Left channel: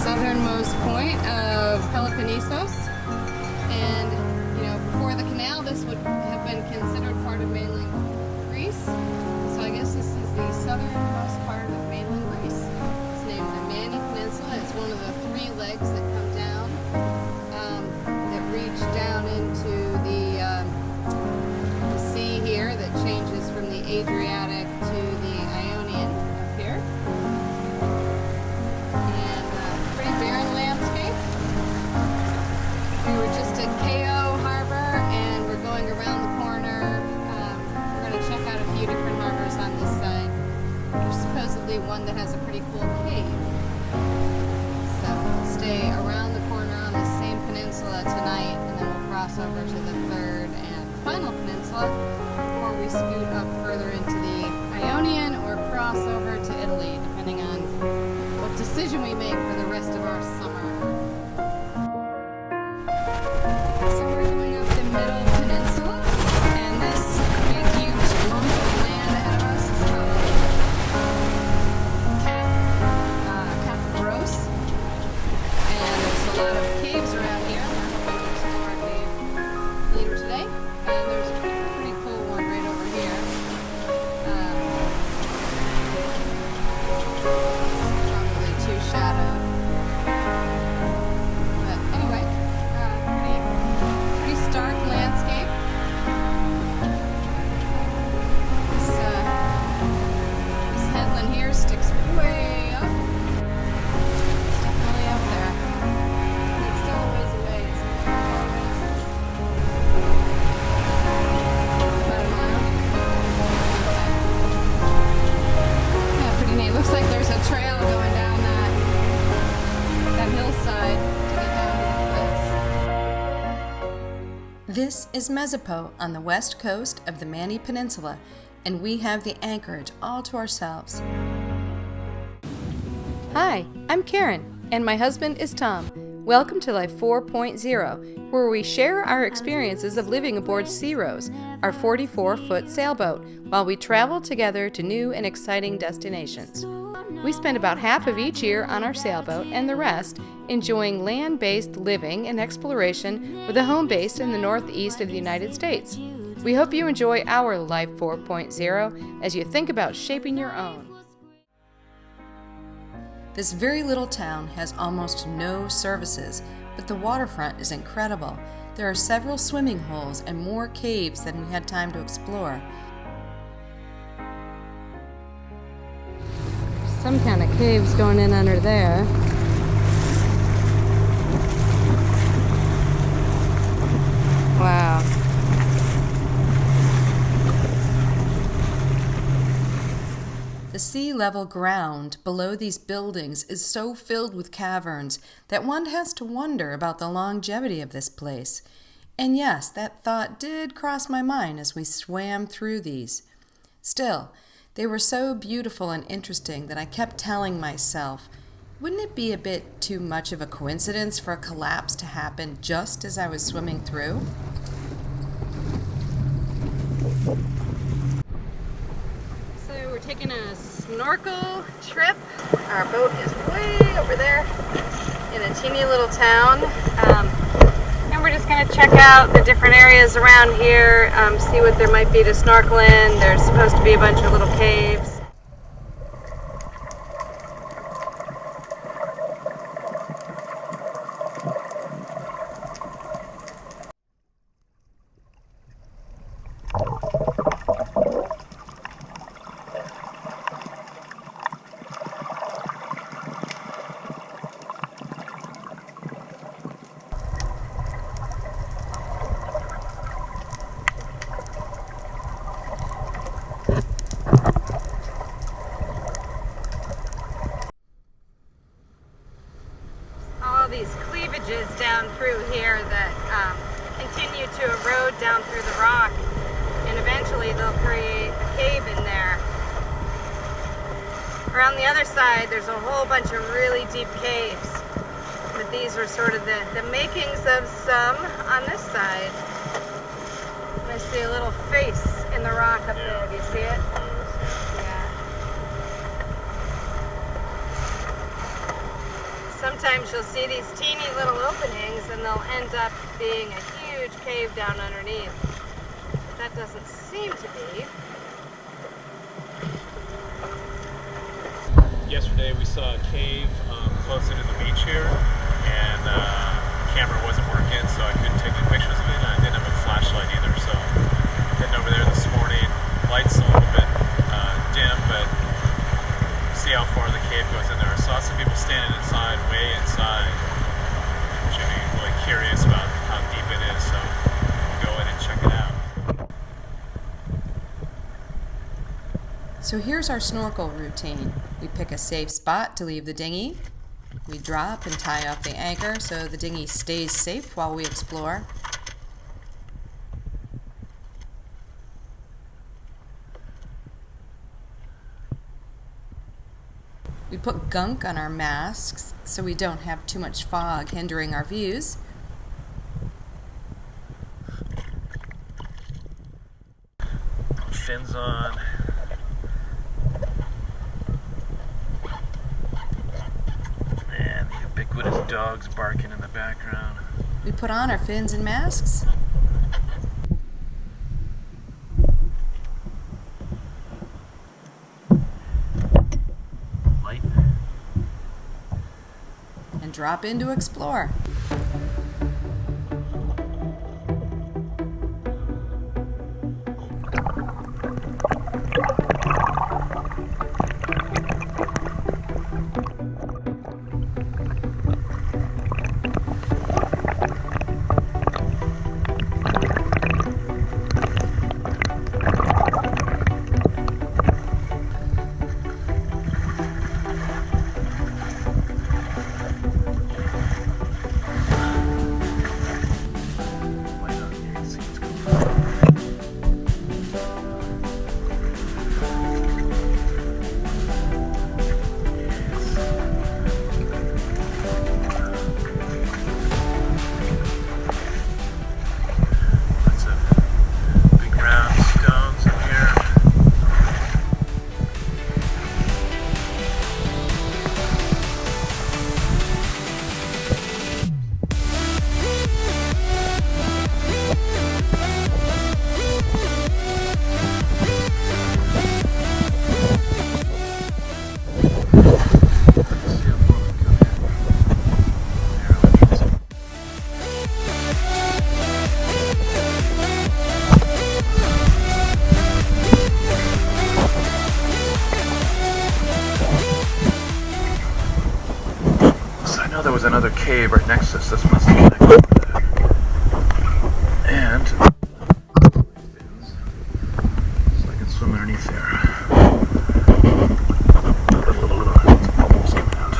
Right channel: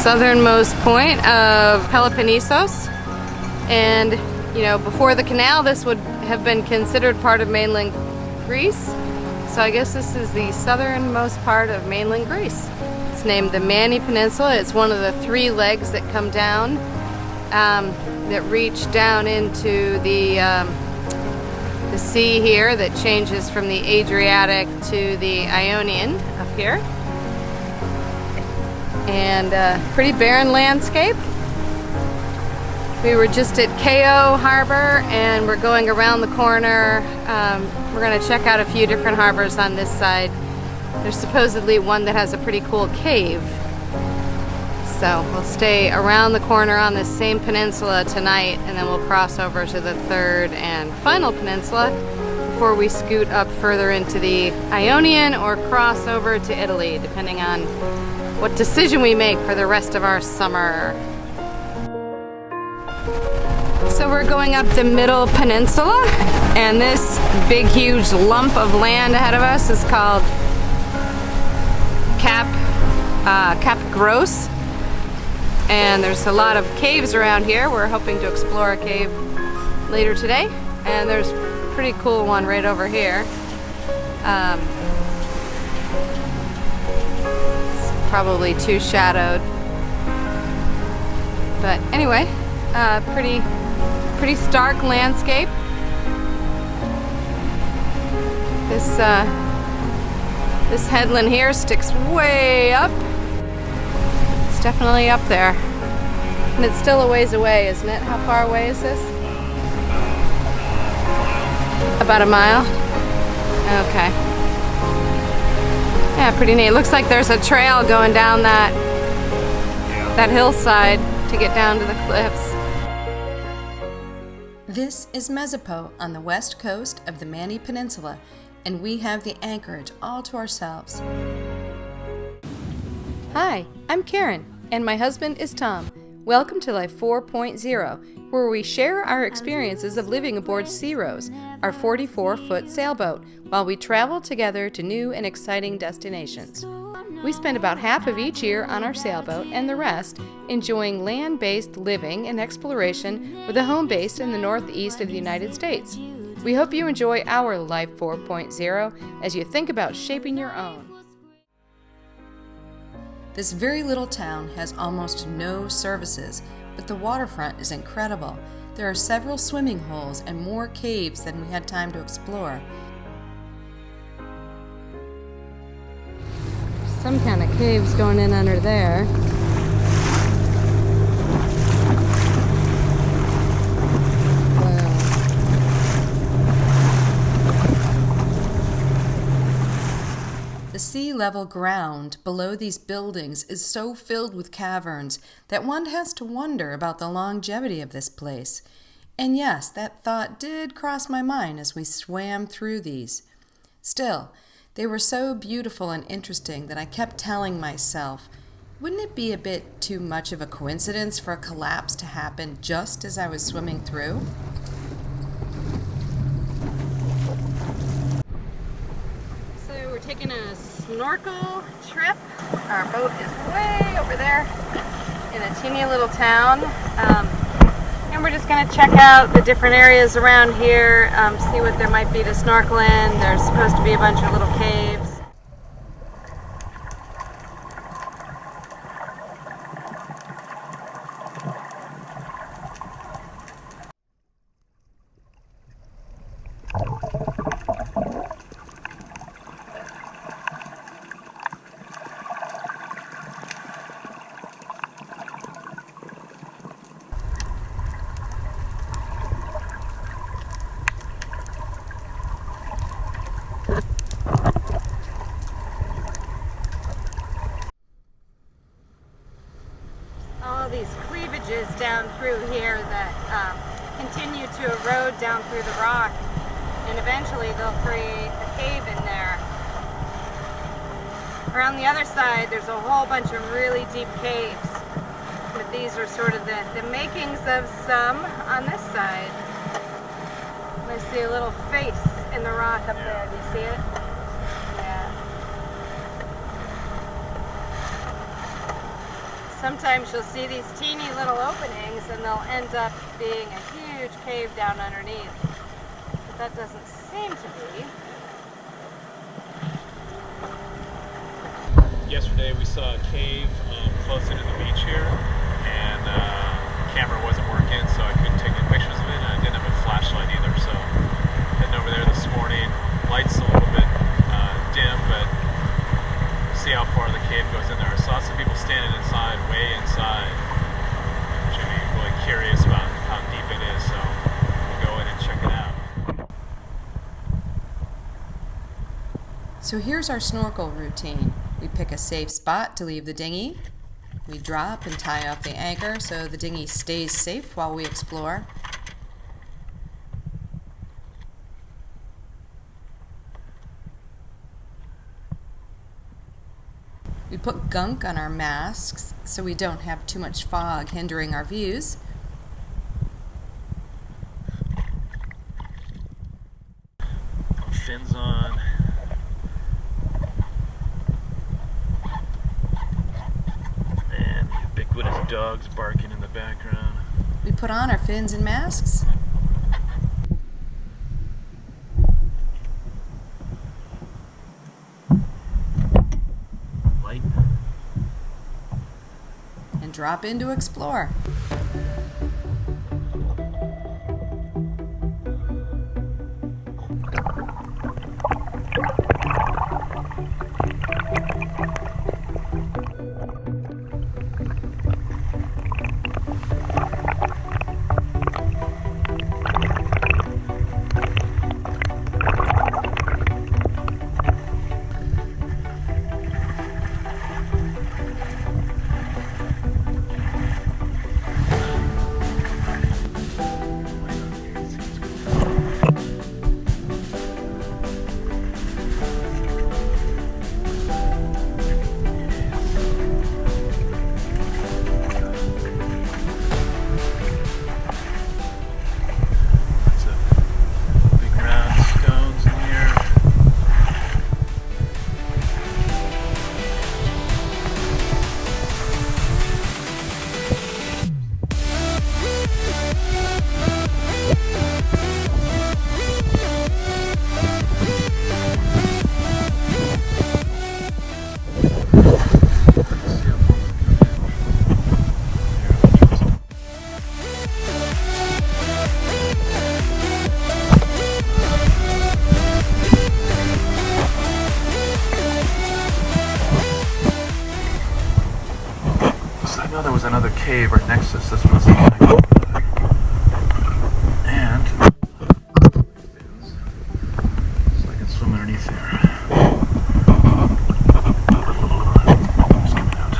southernmost point of Peloponnesos, and you know, before the canal this would have been considered part of mainland Greece, so I guess this is the southernmost part of mainland Greece. It's named the Limeni Peninsula. It's one of the three legs that come down that reach down into the sea here that changes from the Adriatic to the Ionian up here. And pretty barren landscape. We were just at Ko Harbor and we're going around the corner. We're going to check out a few different harbors on this side. There's supposedly one that has a pretty cool cave. So we'll stay around the corner on this same peninsula tonight, and then we'll cross over to the third and final peninsula before we scoot up further into the Ionian or cross over to Italy, depending on what decision we make for the rest of our summer. So we're going up the middle peninsula, and this big huge lump of land ahead of us is called Cap Gross, and there's a lot of caves around here. We're hoping to explore a cave later today, and there's a pretty cool one right over here. It's probably too shadowed, but anyway, pretty stark landscape. This headland here sticks way up. It's definitely up there. And it's still a ways away, isn't it? How far away is this? About a mile? Okay. Yeah, pretty neat. Looks like there's a trail going down that hillside to get down to the cliffs. This is Mezapo on the west coast of the Limeni Peninsula, and we have the anchorage all to ourselves. Hi, I'm Karen, and my husband is Tom. Welcome to Life 4.0, where we share our experiences of living aboard Zeros, our 44-foot sailboat, while we travel together to new and exciting destinations. We spend about half of each year on our sailboat and the rest enjoying land-based living and exploration with a home base in the northeast of the United States. We hope you enjoy our Life 4.0 as you think about shaping your own. This very little town has almost no services, but the waterfront is incredible. There are several swimming holes and more caves than we had time to explore. Some kind of caves going in under there. Wow. The sea-level ground below these buildings is so filled with caverns that one has to wonder about the longevity of this place. And yes, that thought did cross my mind as we swam through these. Still, they were so beautiful and interesting that I kept telling myself, wouldn't it be a bit too much of a coincidence for a collapse to happen just as I was swimming through? So we're taking a snorkel trip. Our boat is way over there in a teeny little town. And we're just going to check out the different areas around here, see what there might be to snorkel in. There's supposed to be a bunch of little caves. These cleavages down through here that continue to erode down through the rock, and eventually they'll create a cave in there. Around the other side there's a whole bunch of really deep caves, but these are sort of the makings of some on this side. And I see a little face in the rock up there. Do you see it? Yeah. Sometimes you'll see these teeny little openings and they'll end up being a huge cave down underneath. But that doesn't seem to be. Yesterday we saw a cave close into the beach here, and camera wasn't working, so I couldn't take any pictures of it, and I didn't have a flashlight either, so heading over there this morning. Light's a little bit dim, but we'll see how far the cave goes in there. I saw some people standing inside, way inside, which made me really curious about how deep it is, so we'll go ahead and check it out. So here's our snorkel routine. We pick a safe spot to leave the dinghy. We drop and tie off the anchor so the dinghy stays safe while we explore. We put gunk on our masks so we don't have too much fog hindering our views. Fins on. Ubiquitous dogs barking in the background. We put on our fins and masks. Light. And drop in to explore. There was another cave right next to us. This must be like, and so I can swim underneath there. Little bubbles coming out.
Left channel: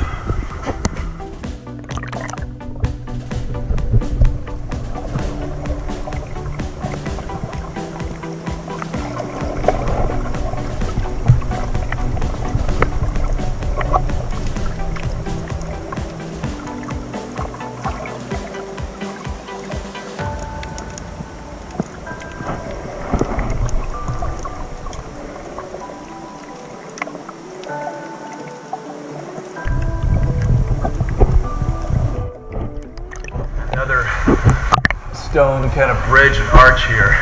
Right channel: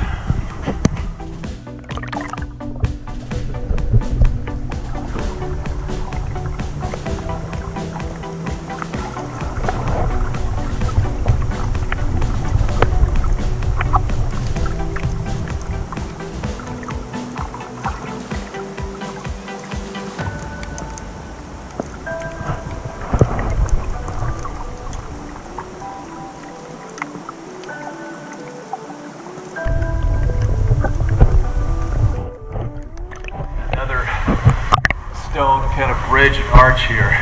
Stone kind of bridge and arch here.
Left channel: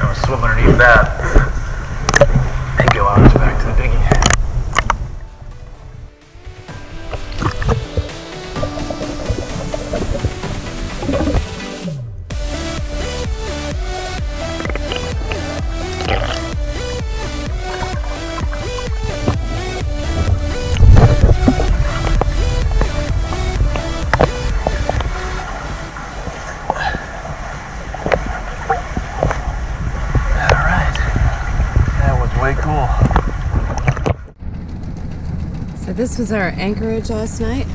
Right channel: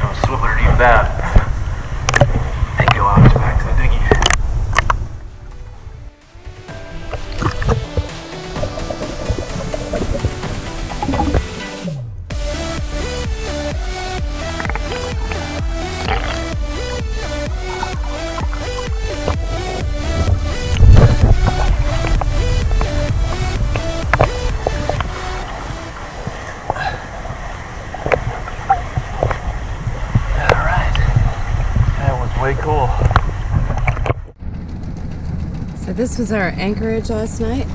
I'll swim underneath that and go out back to the dinghy. Cool. So this was our anchorage last night.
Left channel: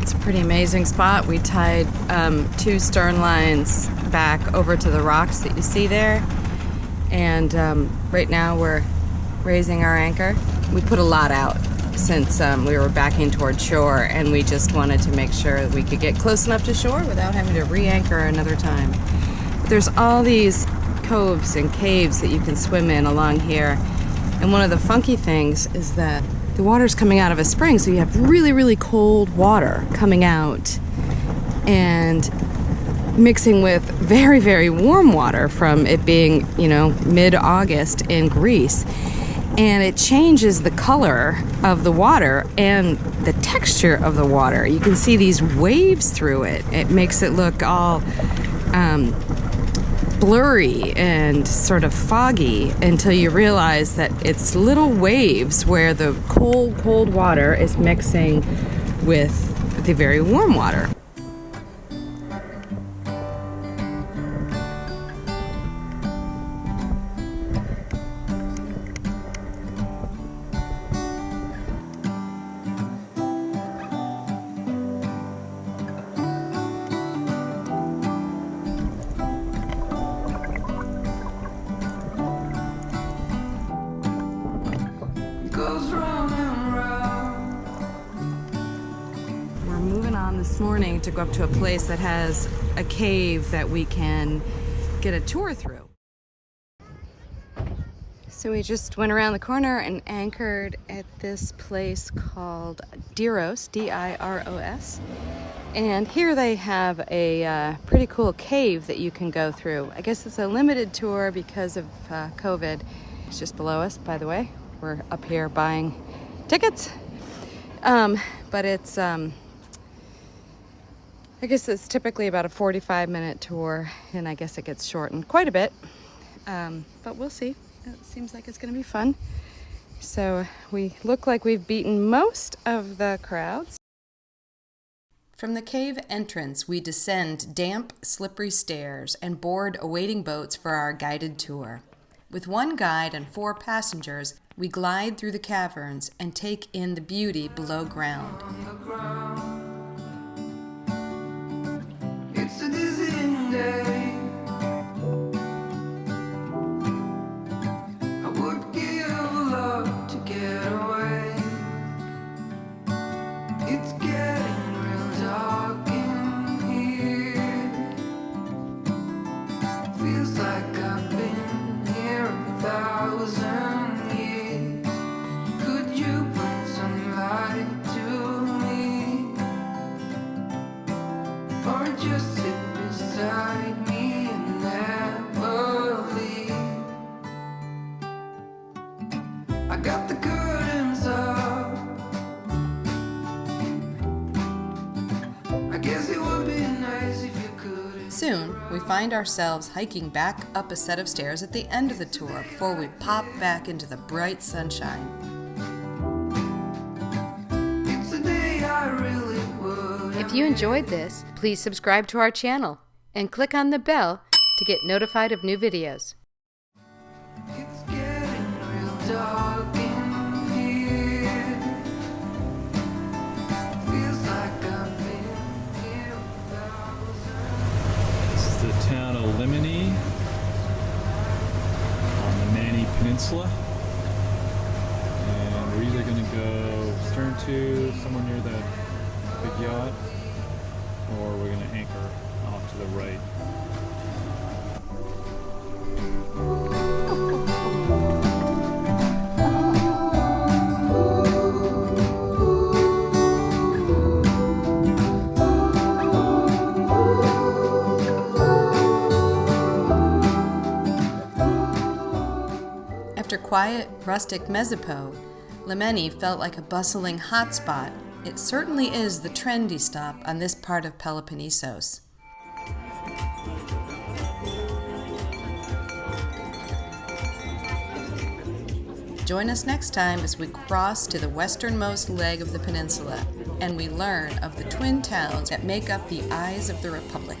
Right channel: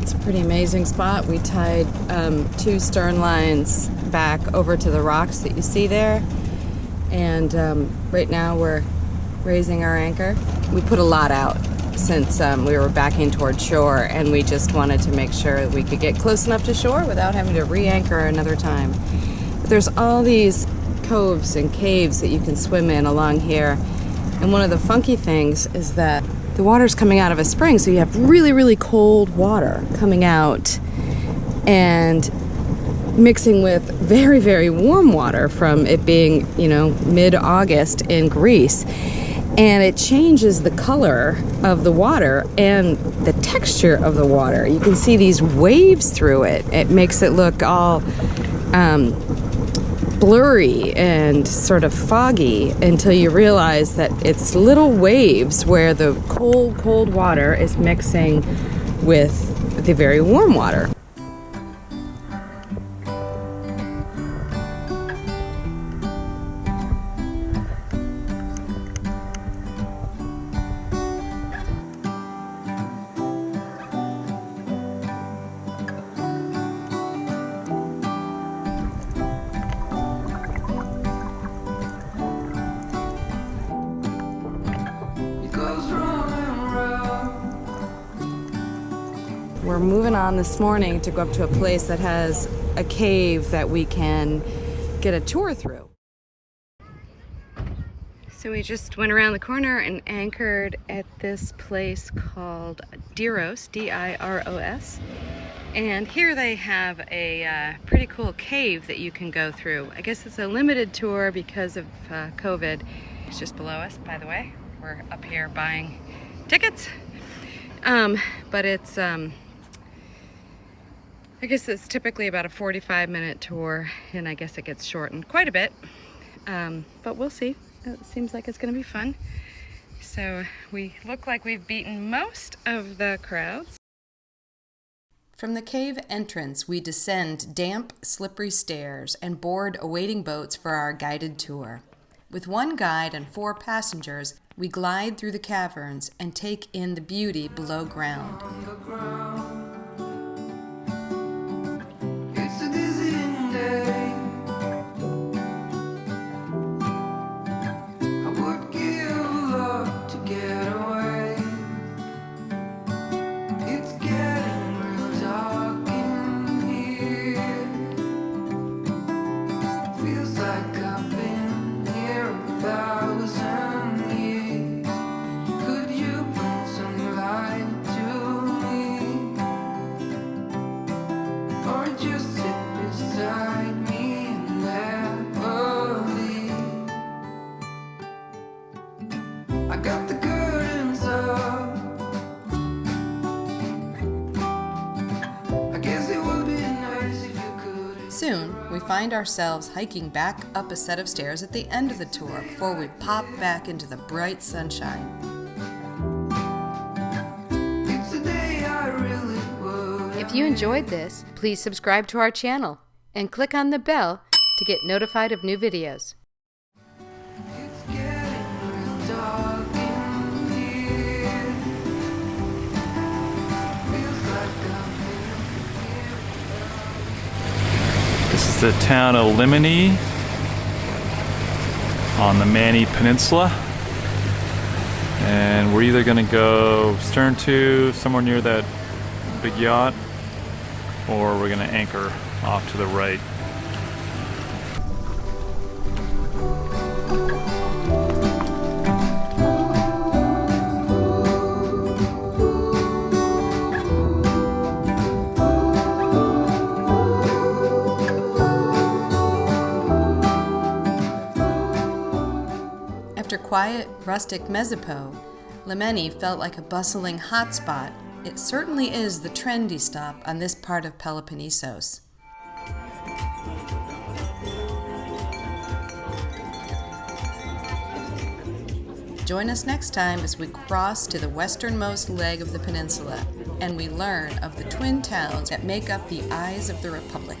It's a pretty amazing spot. We tied 2 stern lines back over to the rocks that you see there. And right now we're raising our anchor. We put a lot out since we were backing toward shore, and we just wanted to make sure that we could get close enough to shore without having to re-anchor another time. But there's all these coves and caves that you can swim in along here. And one of the funky things is that the water's coming out of a spring, so you have really, really cold water coming out and mixing with very, very warm water from it being, you know, mid-August in Greece. And it changes the color of the water and the texture of the water. You can see these waves through it. It makes it look all blurry and sort of foggy until you realize that it's little waves where the cold, cold water is mixing with the very warm water. We're moving on this morning to go up to a place that has a cave that we can get a tour through. So we just went around the corner and anchored at this place called Diros, D-I-R-O-S. And here they have a pretty cool cave that you can go through. I guess it's a limited tour because of COVID. It's just below us, by the way. We're up here buying tickets. But it's, I guess it's typically about a 45-minute tour, and I guess it gets shortened quite a bit. But we'll see. It seems like it's gonna be fun. So we look like we've beaten most of the crowds. From the cave entrance, we descend damp, slippery stairs and board awaiting boats for our guided tour. With one guide and 4 passengers, we glide through the caverns and take in the beauty below ground. It's a dizzying day. I would give a lot to get away. It's getting real dark in here. Feels like I've been here 1,000 years. Could you bring some light to me? Or just sit beside me and never leave? I got the curtains up. I guess it would be nice if you could. Soon, we find ourselves hiking back up a set of stairs at the end of the tour before we pop back into the bright sunshine. It's a day I really would. If you enjoyed this, please subscribe to our channel and click on the bell to get notified of new videos. It's getting real dark in here. Feels like I've been here 1,000. This is the town of Limeni on the Limeni peninsula. And we're either gonna go stern to somewhere near that big yacht, or we're gonna anchor off to the right. After quiet, rustic Mezapo, Limeni felt like a bustling hotspot. It certainly is the trendy stop on this part of Peloponnesos. Join us next time as we cross to the westernmost leg of the peninsula and we learn of the twin towns that make up the eyes of the Republic.